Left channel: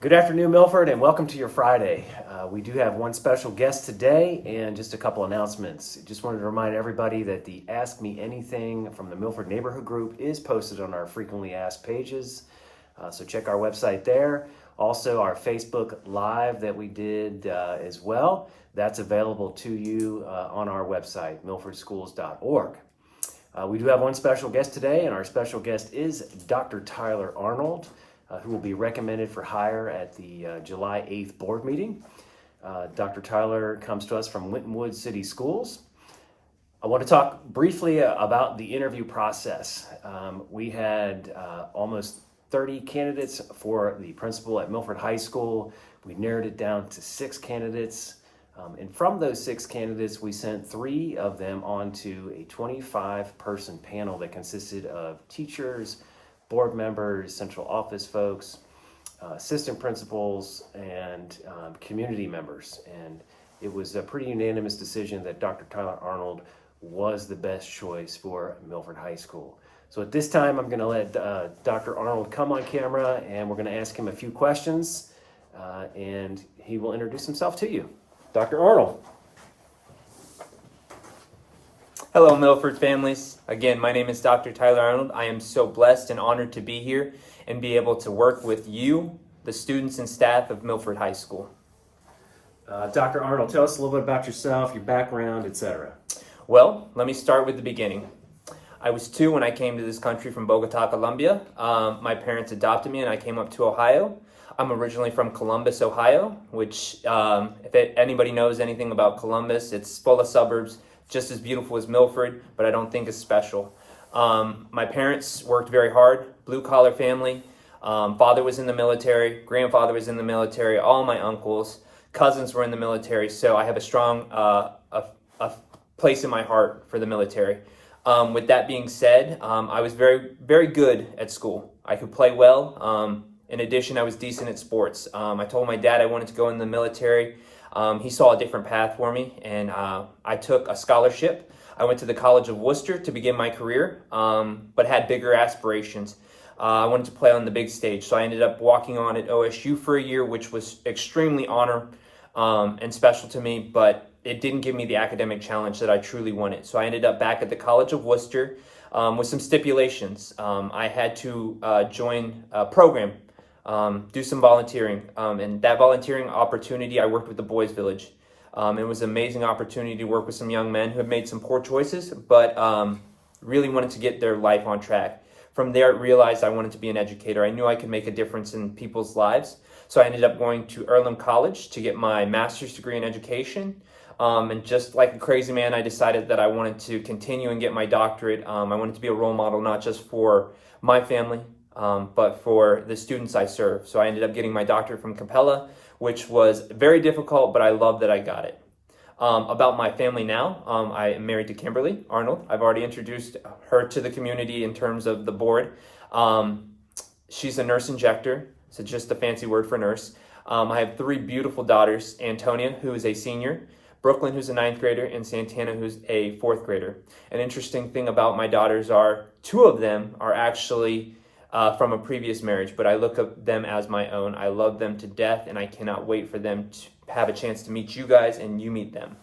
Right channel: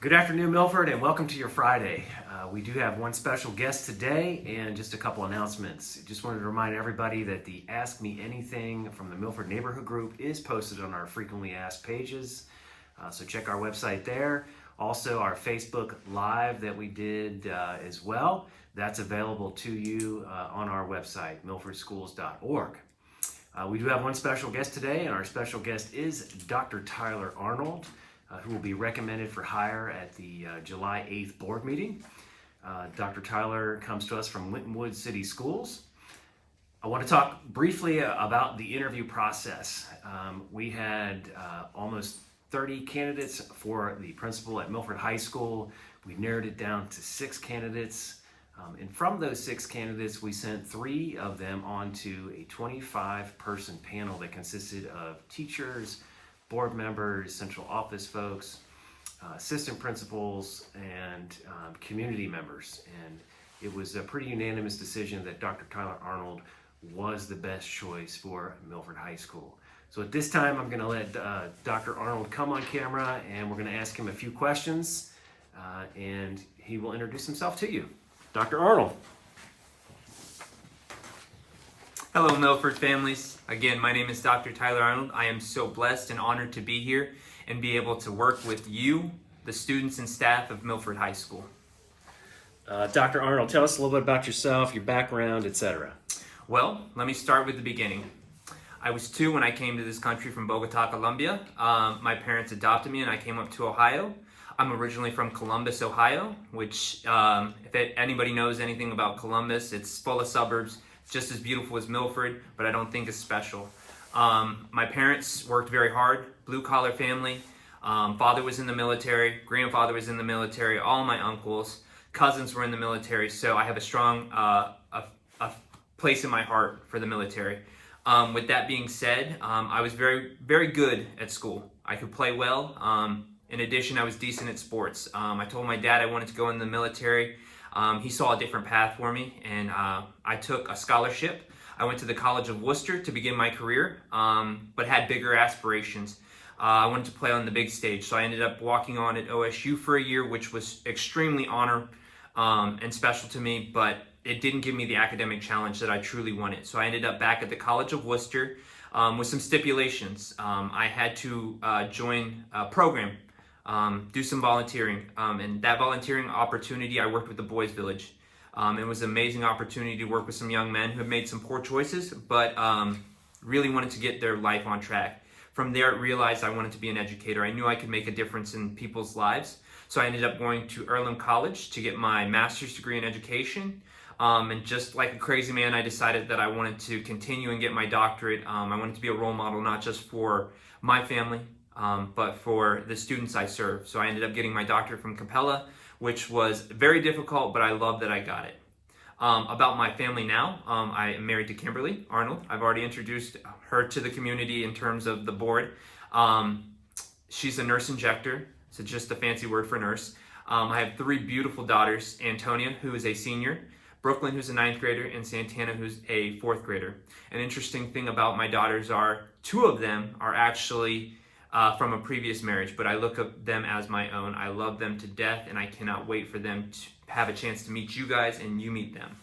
Good afternoon, Milford, and welcome to your Friday. We do have one special guest today and just a couple announcements. Just wanted to remind everybody that the Ask Me Anything from the Milford Neighborhood Group is posted on our frequently asked pages, so check our website there. Also, our Facebook Live that we did as well, that's available to you on our website, milfordschools.org. We do have one special guest today, and our special guest is Dr. Tyler Arnold, who will be recommended for hire at the July 8th board meeting. Dr. Tyler comes to us from Lintonwood City Schools. I want to talk briefly about the interview process. We had almost 30 candidates for the principal at Milford High School. We narrowed it down to 6 candidates. And from those 6 candidates, we sent 3 of them onto a 25-person panel that consisted of teachers, board members, central office folks, assistant principals, and community members. And it was a pretty unanimous decision that Dr. Tyler Arnold was the best choice for Milford High School. So at this time, I'm going to let Dr. Arnold come on camera, and we're going to ask him a few questions, and he will introduce himself to you. Dr. Arnold. Hello, Milford families. Again, my name is Dr. Tyler Arnold. I am so blessed and honored to be here and be able to work with you, the students and staff of Milford High School. Dr. Arnold, tell us a little bit about yourself, your background, etc. Well, let me start with the beginning. I was 2 when I came to this country from Bogota, Colombia. My parents adopted me and I came up to Ohio. I'm originally from Columbus, Ohio, which if anybody knows anything about Columbus, it's full of suburbs. Just as beautiful as Milford, but I don't think it's special. My parents worked very hard, blue-collar family. Father was in the military, grandfather was in the military, all my uncles, cousins were in the military, so I have a strong a place in my heart for the military. With that being said, I was very, very good at school. I could play well. In addition, I was decent at sports. I told my dad I wanted to go in the military. He saw a different path for me, and I took a scholarship. I went to the College of Worcester to begin my career, but had bigger aspirations. I wanted to play on the big stage, so I ended up walking on at OSU for a year, which was extremely honor and special to me, but it didn't give me the academic challenge that I truly wanted. So I ended up back at the College of Worcester with some stipulations. I had to join a program, do some volunteering, and that volunteering opportunity, I worked with the Boys Village. It was an amazing opportunity to work with some young men who had made some poor choices, but really wanted to get their life on track. From there, I realized I wanted to be an educator. I knew I could make a difference in people's lives, so I ended up going to Earlham College to get my master's degree in education. And just like a crazy man, I decided that I wanted to continue and get my doctorate. I wanted to be a role model, not just for my family, but for the students I serve. So I ended up getting my doctorate from Capella, which was very difficult, but I love that I got it. About my family now, I am married to Kimberly Arnold. I've already introduced her to the community in terms of the board. She's a nurse injector, so just a fancy word for nurse. I have 3 beautiful daughters, Antonia, who is a senior, Brooklyn, who's a 9th grader, and Santana, who's a 4th grader. An interesting thing about my daughters are 2 of them are actually from a previous marriage, but I look at them as my own. I love them to death, and I cannot wait for them to have a chance to meet you guys and you meet them.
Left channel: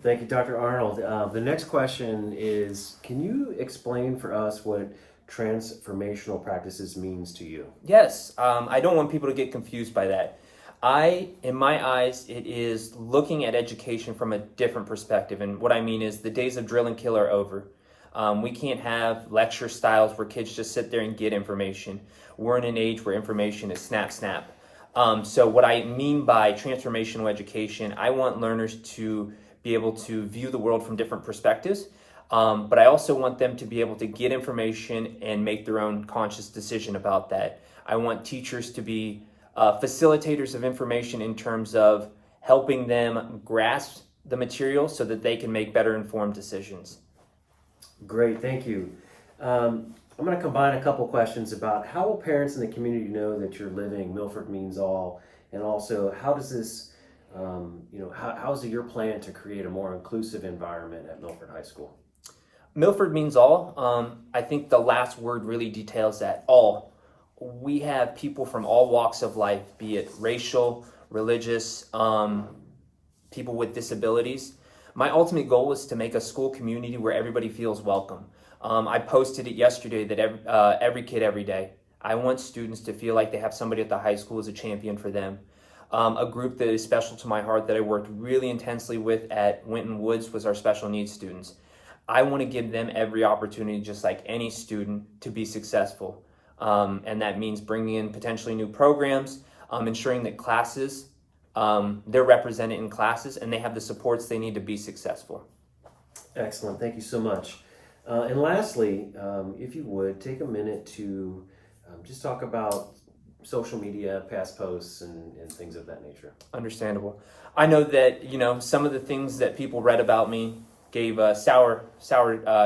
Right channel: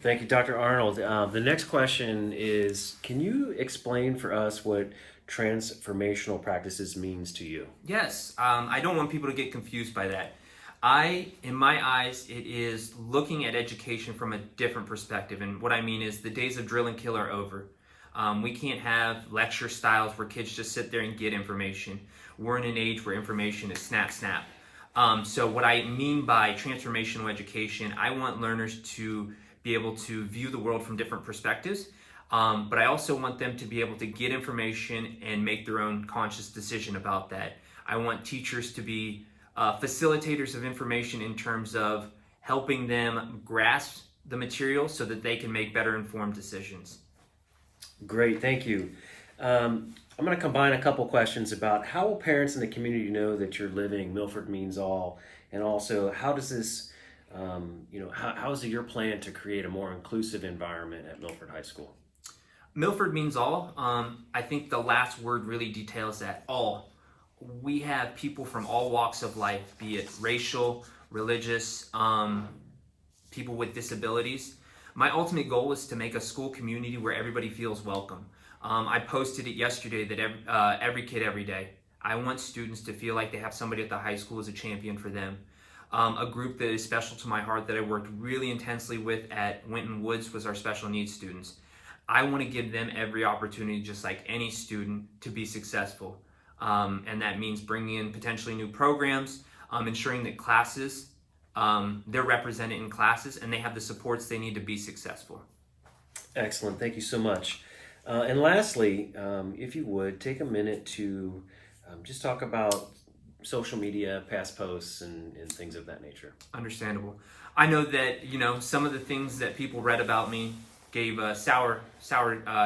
Thank you, Dr. Arnold. The next question is, can you explain for us what transformational practices means to you? Yes, I don't want people to get confused by that. In my eyes, it is looking at education from a different perspective, and what I mean is the days of drill and kill are over. We can't have lecture styles where kids just sit there and get information. We're in an age where information is snap, snap. So what I mean by transformational education, I want learners to be able to view the world from different perspectives, but I also want them to be able to get information and make their own conscious decision about that. I want teachers to be facilitators of information in terms of helping them grasp the material so that they can make better informed decisions. Great, thank you. I'm going to combine a couple questions about how will parents in the community know that you're living Milford Means All, and also how does this, how is it your plan to create a more inclusive environment at Milford High School? Milford Means All. I think the last word really details that, all. we have people from all walks of life, be it racial, religious, people with disabilities. My ultimate goal is to make a school community where everybody feels welcome. I posted it yesterday that every kid, every day. I want students to feel like they have somebody at the high school as a champion for them. A group that is special to my heart that I worked really intensely with at Winton Woods was our special needs students. I want to give them every opportunity, just like any student, to be successful. And that means bringing in potentially new programs, ensuring that classes, they're represented in classes and they have the supports they need to be successful. Excellent. Thank you so much. And lastly, if you would, take a minute to just talk about social media, past posts, and things of that nature. Understandable. I know that, some of the things that people read about me gave a sour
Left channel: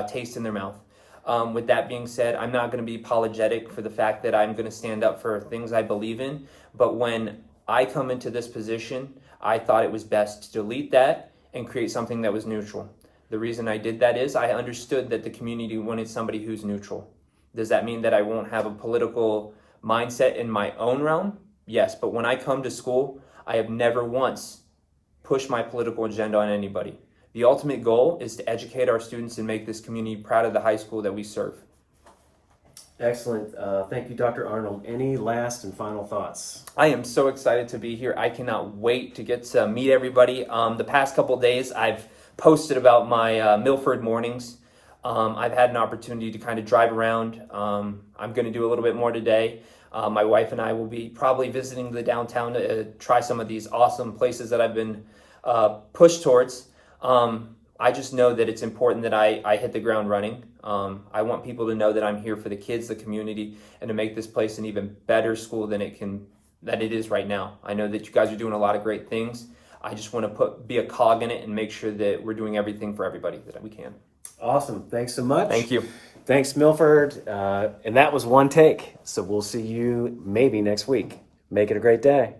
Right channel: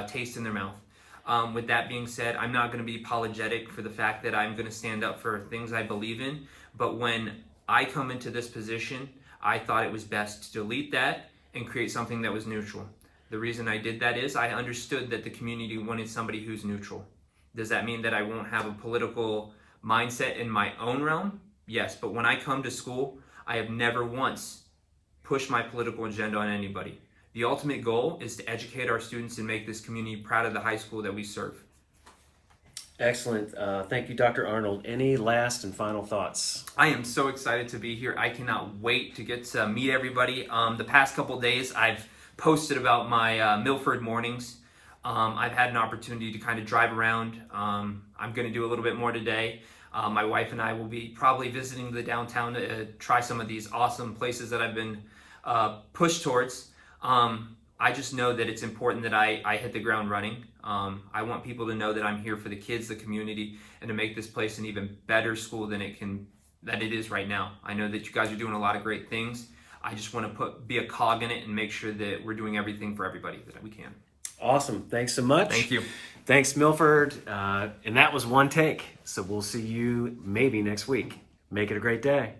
taste in their mouth. With that being said, I'm not going to be apologetic for the fact that I'm going to stand up for things I believe in. But when I come into this position, I thought it was best to delete that and create something that was neutral. The reason I did that is I understood that the community wanted somebody who's neutral. Does that mean that I won't have a political mindset in my own realm? Yes, but when I come to school, I have never once pushed my political agenda on anybody. The ultimate goal is to educate our students and make this community proud of the high school that we serve. Excellent. Thank you, Dr. Arnold. Any last and final thoughts? I am so excited to be here. I cannot wait to get to meet everybody. The past couple days, I've posted about my Milford mornings. I've had an opportunity to kind of drive around. I'm going to do a little bit more today. My wife and I will be probably visiting the downtown to try some of these awesome places that I've been pushed towards. I just know that it's important that I hit the ground running. I want people to know that I'm here for the kids, the community, and to make this place an even better school than it is right now. I know that you guys are doing a lot of great things. I just want to be a cog in it and make sure that we're doing everything for everybody that we can. Awesome. Thanks so much. Thank you. Thanks, Milford. And that was one take. So we'll see you maybe next week. Make it a great day.